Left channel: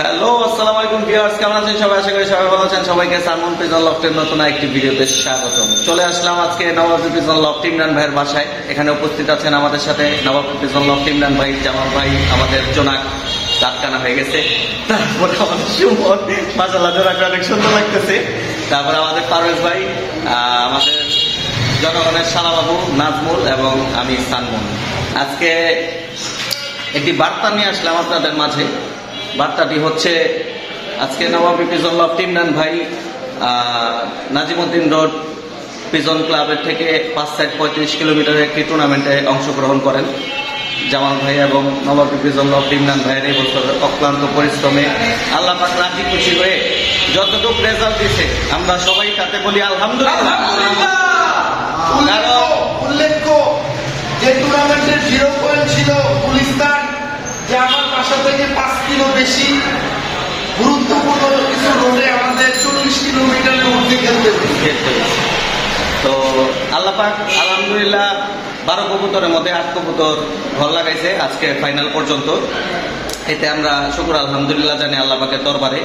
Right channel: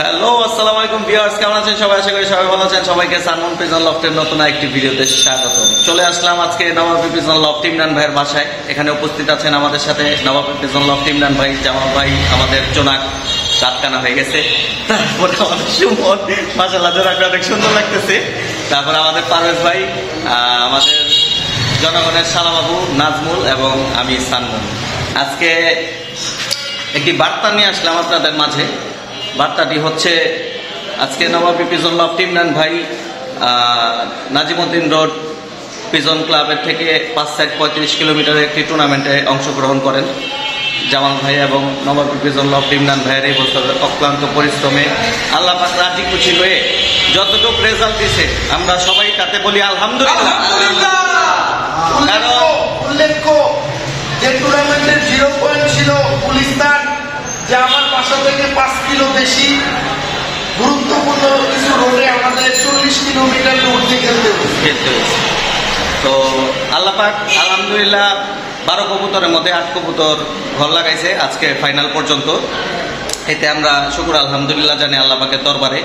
Hello, আসসালামু আলাইকুম viewers, কেমন আছেন সবাই? আশা করি সবাই ভালো আছেন। সবাইকে সানমুন প্রিজন লফটের নতুন একটি ভিডিওতে স্বাগতম। চলে আসলাম আজকে নবাবী প্রিজন লফট ইমরান ভাইয়ের বাসায়। এখানে উপস্থিত আছেন আমাদের সাথে নবাবী প্রিজন লফট ইমরান ভাই, জামাল ভাই, আমাদের জোনাক রাতকানা হয়ে গেছে, তারপরে আমাদের সুমন, মাশাআল্লাহ জোনাকটা অনেক সুন্দর লাগতেছে, তারপরে আমাদের পারভেজ ভাই, আমাদের জনগণের সালাবাবু নাজমুল এবং আমি সানমুন। আজকে একটি বার্তা নিয়ে আসলাম আপনাদের মাঝে। বার্তাটি হচ্ছে, আজকে নবাবী প্রিজন লফট ইমরান ভাই নাজিমউদ্দিন রোড প্রিজন ক্লাবের থেকে 5-35 কিলোমিটারের একটি টুর্নামেন্টে অংশগ্রহণ করেন। জামাল ভাই এবং নবাবী প্রিজন লফট ইমরান ভাইয়ের এই বছরের অক্লান্ত পরিশ্রমে আল্লাহ পাক রাজি খুশি হয়ে যতটুকু রেজাল্ট দিছে আমরা সবাই তাতে বলি আলহামদুলিল্লাহ। উল্লেখ্য যে টুর্নামেন্টের 0 পয়েন্ট ছিল গুলিস্তান, যে আমার বাসা থেকে 5 কিলো বেশি গুরুত্বপূর্ণ কিছু রোডে আমাদের 40 কিলোমিটার দূর দিয়ে খেলতে হয়েছে। তো আল্লাহ পাক আলহামদুলিল্লাহ 12 কবুতরের মধ্যে 8 কবুতর ঘর লাগাইছে আজকে ফাইনাল পর্যন্ত। এতে আমরা শুকর আলহামদুলিল্লাহ জানি আল্লাহ পাকের দরবারে।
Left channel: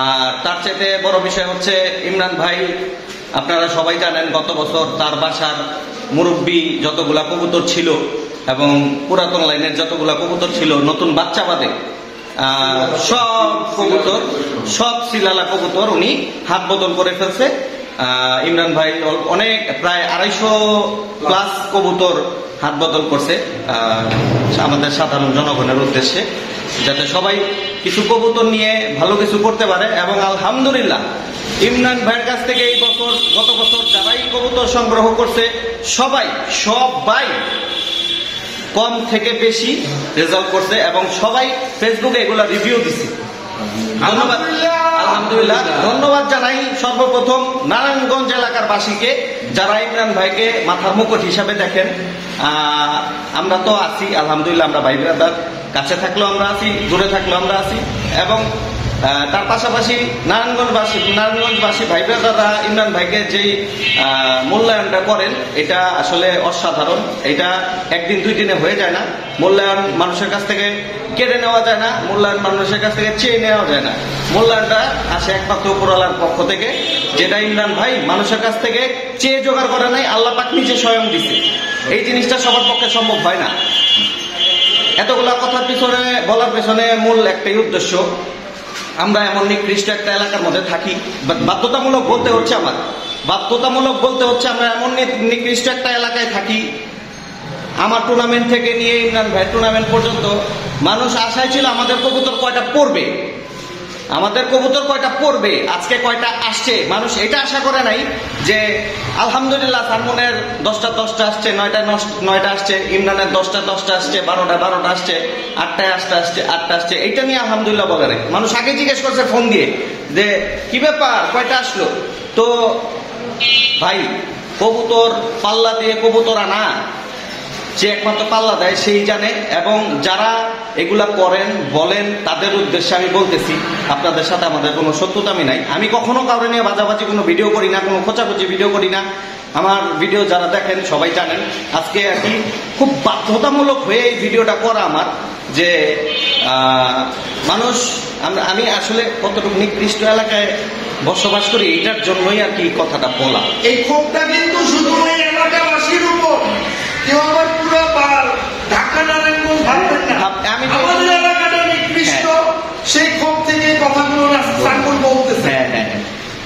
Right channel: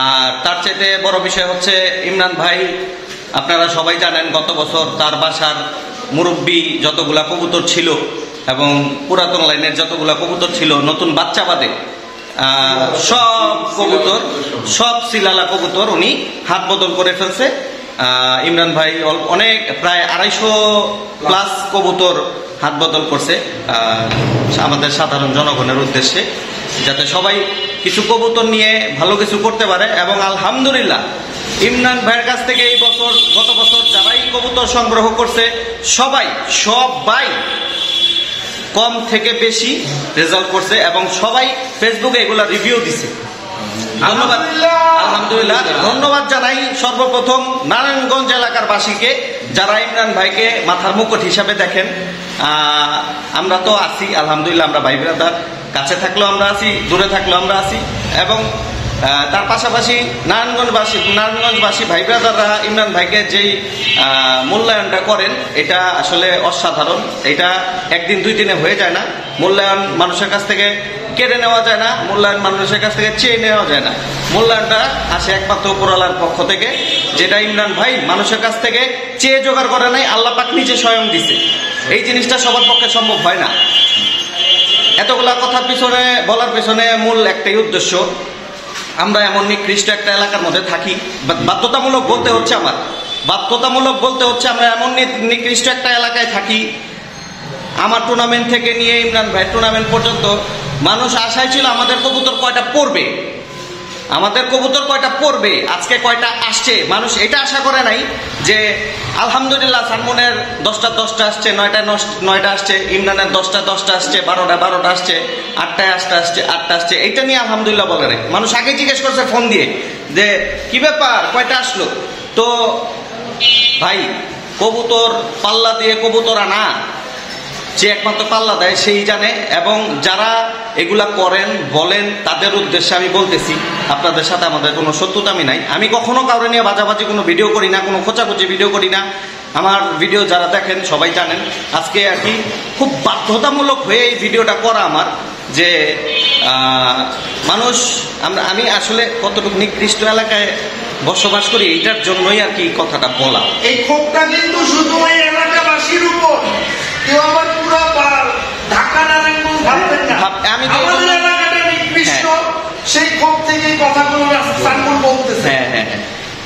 আর তার চাইতে বড় বিষয় হচ্ছে ইমরান ভাই, আপনারা সবাই জানেন গত বছর তার বাসার মুরব্বী যতগুলা কবুতর ছিল এবং পুরাতন লাইনের যতগুলা কবুতর ছিল, নতুন বাচ্চা বাদে সব কবুতর, সব সিলালা কবুতর উনি হাত বদল করে ফেলছে। ইমরান ভাই অনেক প্রায় 250+ কবুতর হাত বদল করছে আমাদের সাধারণ জনগণের উদ্দেশ্যে, যাতে সবাই কিছু কবুতর নিয়ে ভালো কিছু করতে পারে। এবং আলহামদুলিল্লাহ ইমরান ভাইয়ের কাছ থেকে এই বছর, গত বছর যারাই কবুতর সংগ্রহ করছে সবাই কম থেকে বেশি রেজাল্ট করছে এবং সবাই ফেসবুকে এগুলা রিভিউ দিছে। আলহামদুলিল্লাহ ধন্যবাদ জানাই সর্বপ্রথম নারায়ণগঞ্জ এলাকার বাসীকে, যারা ইমরান ভাইকে মাথার মুকুট হিসাবে দেখেন। আমরা তো আছি আলহামদুলিল্লাহ, আমরা ভাই ব্রাদার, কাছে থাকলেও আমরা আছি, দূরে থাকলেও আমরা আছি। এবং তার পাশাপাশি নারায়ণগঞ্জবাসী ভাই ব্রাদাররা ইমরান ভাইকে যেই মূল্যায়নটা করেন, এটা আসলে অসাধারণ। এটা একদিন 2 দিনে হয়ে যায় না। মূল্যায়ন মানুষের কাছ থেকে কেড়ে নেওয়া যায় না, মূল্যায়ন মানুষের কাছ থেকে চেয়ে নেওয়া যায় না। মূল্যায়নটা আসে একমাত্র উপরওয়ালার পক্ষ থেকে, যেটা ইমরান ভাই মানুষের কাছ থেকে চেয়ে জোগাড় করে নাই, আল্লাহ পাক নিজে স্বয়ং দিছে। এই জিনিসটা সবার পক্ষে সম্ভব হয় না। এতগুলা কথার পিছনে বলার পিছনে মূল একটাই উদ্দেশ্য, আমরা এমন নিকৃষ্ট একটা এলাকার মধ্যে থাকি, বাধ্যতামূলক বলতে হচ্ছে আমরা এমন নিকৃষ্ট একটা এলাকায় থাকি। আমার টুর্নামেন্ট থেকে নিয়ে ইমরান ভাই টুর্নামেন্ট পর্যন্ত মানুষ আশায় ছিল আমাদের কবুতর কয়টা পড়বে, আজকে কয়টা আসছে। মানুষ এটা আশা করে নাই যে আলহামদুলিল্লাহ সানমুনের 10টা আসছে, 9টা আসছে, ইমরানের 10টা আসছে, 12টা আসছে, 8টায় আসছে। এটা নিয়ে আলহামদুলিল্লাহ বলে নাই। মানুষ আগে জিজ্ঞেস করছে ফোন দিয়ে যে কি ব্যাপার, কয়টা আসলো। তো ভাই, কবুতর পাল্লা দিয়ে কবুতর আনা, যে একমাত্র পাল্লা দেয় সেই জানে। এবং যারা এগুলা করেন বলেন, তাদের উদ্দেশ্যে আমি বলতেছি, আপনাদের সাথে আমাদের কোনো শত্রুতামি নাই। আমি কখনো কাউরে নিয়ে বাজাবাজি কোনো ভিডিও করি না, কোনো খোঁচাখুচি ভিডিও করি না। আমার ভিডিও যারা দেখেন সবাই জানেন। আজকে আর কি খুব বাধ্যতামূলক হয়ে এই ভিডিওটা করা আমার, যে মানুষ, আমি আসলে কতটুকু নিকৃষ্ট এলাকায় বসবাস করি, এটার জন্যই আর কি কথাটা বলা। এই ক্ষোভটা কিন্তু শুধু এই এলাকাবাসীর উপর, কেউ আবার পুরো ঢাকা নারায়ণগঞ্জ ভাববেন না। আমাদের এলাকাটা নিকৃষ্ট, সেই ক্ষোভ থেকে কথাগুলো সানমুন বলতেছে।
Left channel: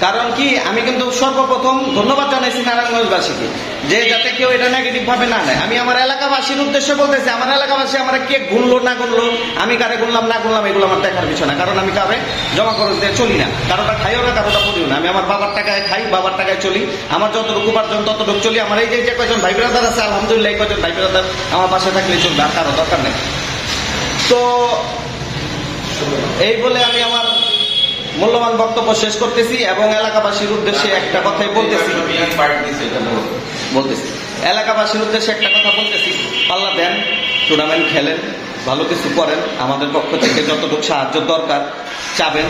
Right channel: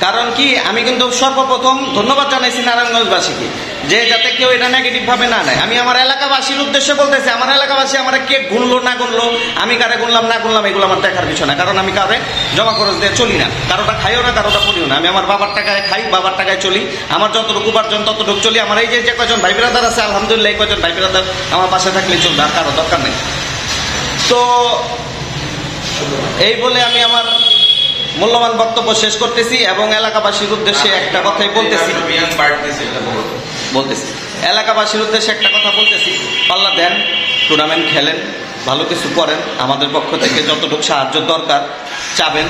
কারণ কি, আমি কিন্তু সর্বপ্রথম ধন্যবাদ জানাইছি নারায়ণগঞ্জবাসীকে, যে যাতে কেউ এটা নেগেটিভ ভাবে না নেয়। আমি আমার এলাকাবাসীর উদ্দেশ্যে বলতেছি, আমার এলাকাবাসী আমার কে গুনলো না গুনলো, আমি কারে গুনলাম না গুনলাম, এগুলো আমার দেখার বিষয় না। কারণ আমি কারে জমা খরচ দিয়ে চলি না, কারোটা খাইও না, কারোটা পড়িও না। আমি আমার বাবার টাকায় খাই, বাবার টাকায় চলি। আমার যতটুকু উপার্জন ততটুকু চলি। আমার এই যে কয়জন ভাই ব্রাদার আছে, আলহামদুলিল্লাহ এই কয়জন ভাই ব্রাদার আমার পাশে থাকলে চলবে, আর কারো দরকার নেই। তো এই বলে আমি আমার মূল্যবান বক্তব্য শেষ করতেছি এবং এলাকাবাসীর উদ্দেশ্যে একটা কথাই বলতেছি, একটা কথা বলতেছি, পাল্লা দেন, টুর্নামেন্ট খেলেন, ভালো কিছু করেন, আমাদের পক্ষ থেকে যতটুকু সাহায্য দরকার চাবেন,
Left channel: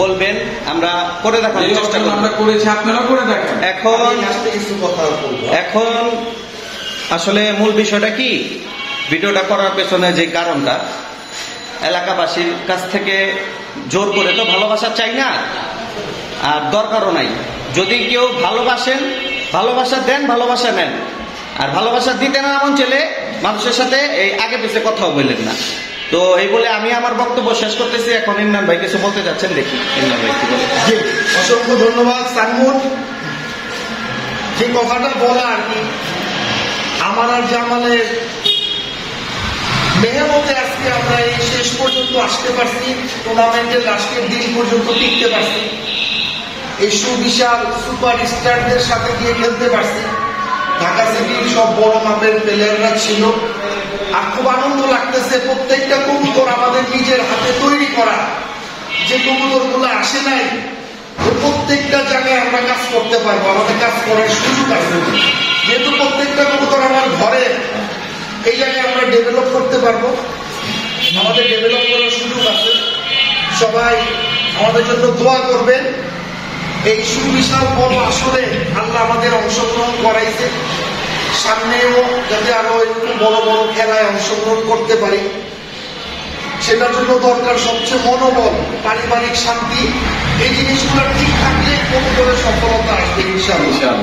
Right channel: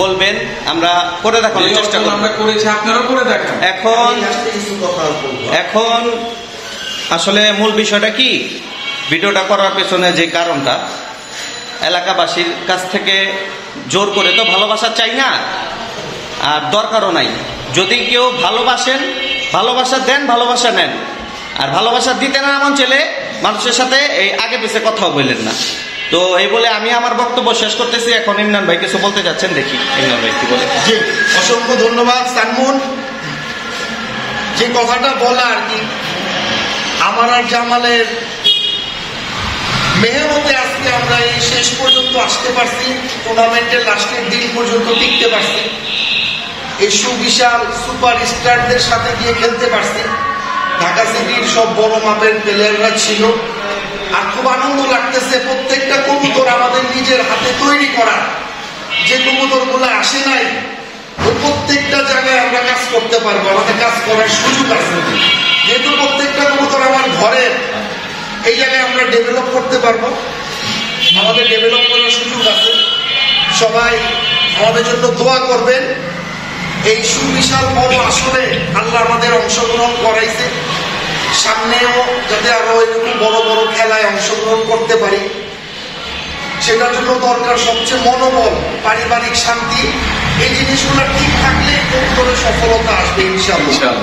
বলবেন, আমরা করে দেখানোর চেষ্টা করব। আমরা করেছি, আপনারা করে দেখেন। এখন আসলে মূল বিষয়টা কি, ভিডিওটা করার পেছনে যে কারণটা, এলাকাবাসীর কাছ থেকে জোর করে তো ভালোবাসা চাই না, আর দরকারও নাই। যদি কেউ ভালোবাসেন, ভালোবাসা দেন, ভালোবাসা নেন। আর ভালোবাসা দিতে না এমন ছেলে মানুষের সাথে এই আগে পিছিয়ে কথাও বললেন না। তো এই বলে আমি আমার বক্তব্য শেষ করতেছি। এখন ইমরান ভাই কিছু বলতে যাচ্ছেন, দেখি ইমরান ভাই কি বলে। জি, অসংখ্য ধন্যবাদ সানমুন। যে কথাটা বলা আর কি, আমার আর জামালের মেহনতে আজকে আমরা এই শেষ পর্যন্ত আসতে পারছি, টুর্নামেন্টের লাস্টের দিন পর্যন্ত টিকতে পারছি, এই সুবিশাল সুপার স্টারদের সাথে গিয়ে খেলতে পারছি। ঢাকা সিটির সব বড় মাপের প্লেয়াররা ছিল। আর খুব আনন্দ লাগতেছে, প্রত্যেকটা কবুতর আমাদের নিজের হাতে তৈরি করা। যে কবুতর গুলো আসে নাই, ওই প্রত্যেকটা জায়গায় আমরা কাজ করতে পারবো, আমাদের কাজ করার সুযোগ আছে। যেহেতু প্রত্যেকটা কবুতর আমার ঘরের, এই জায়গায় আমরা ডেভেলপ করতে পারবো, আমাদের ডেভেলপ করার সুযোগ আছে। সবাই আমাদের জন্য দোয়া করবেন। এই সুবিশাল বড় আসরে আল্লাহ আমাদের অংশগ্রহণ করাইছে, সামনেও যাতে আরো এরকম বড় বড় খেলায় অংশগ্রহণ করতে পারি। সেটার জন্য দরকার সবচেয়ে মনোবল, পারিবারিক শান্তি। এই জিনিসগুলো ঠিক থাকলে কবুতরের সফলতা আসবে ইনশাআল্লাহ।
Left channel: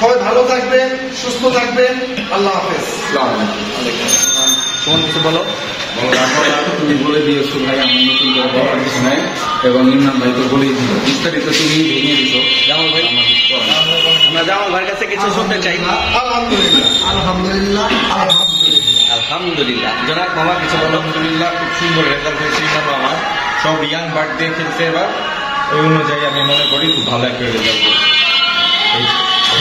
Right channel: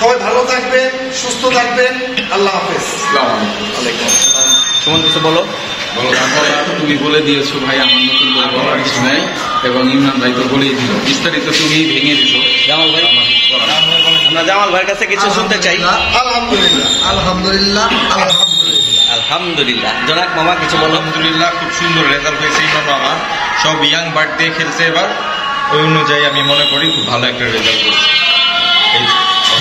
সবাই ভালো থাকবেন, সুস্থ থাকবেন। আল্লাহ হাফেজ। সুমন কিছু বলো। তুমি বলে দিয়েছো ভাই, আমার নতুন করে বলার কিছু নাই। এবং ইমরান ভাই তো বলেই দিল, বিস্তারিত তুমি ভেঙে দিছো। জামাল ভাইয়ের কাছে কিছু শুনতে চাই। আলহামদুলিল্লাহ, আলহামদুলিল্লাহ, আলহামদুলিল্লাহ, আলহামদুলিল্লাহ। জনাব মামা কিছু বলো। আলহামদুলিল্লাহ, খুব সুন্দর রেজাল্ট হয়েছে ইমরান মামা। সব ইয়াং বার্ড দিয়ে খেলছে এবার, ওই অনুযায়ী আমি মনে করি খুব ভালো একটা রেজাল্ট করছে।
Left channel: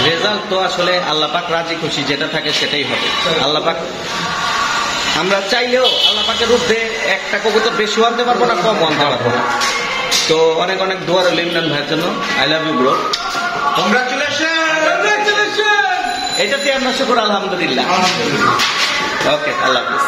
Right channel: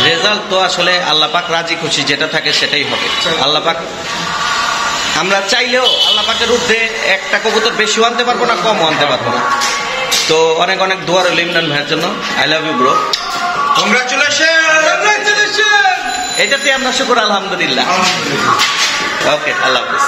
রেজাল্ট তো আসলে আল্লাহ পাক রাজি খুশি যেটা থাকে সেটাই হবে। আল্লাহ পাক, আমরা চাইলেও আল্লাহ পাকের ঊর্ধ্বে একটা কবুতর বেশিও আনতে পারবো না, কমও আনতে পারবো না। তো অনেক অনেক দোয়া রইল ইমরান ভাইয়ের জন্য। I love you bro. Congratulation. এটাতে আমরা শুকর আলহামদুলিল্লাহ। ওকে, আল্লাহ হাফিজ।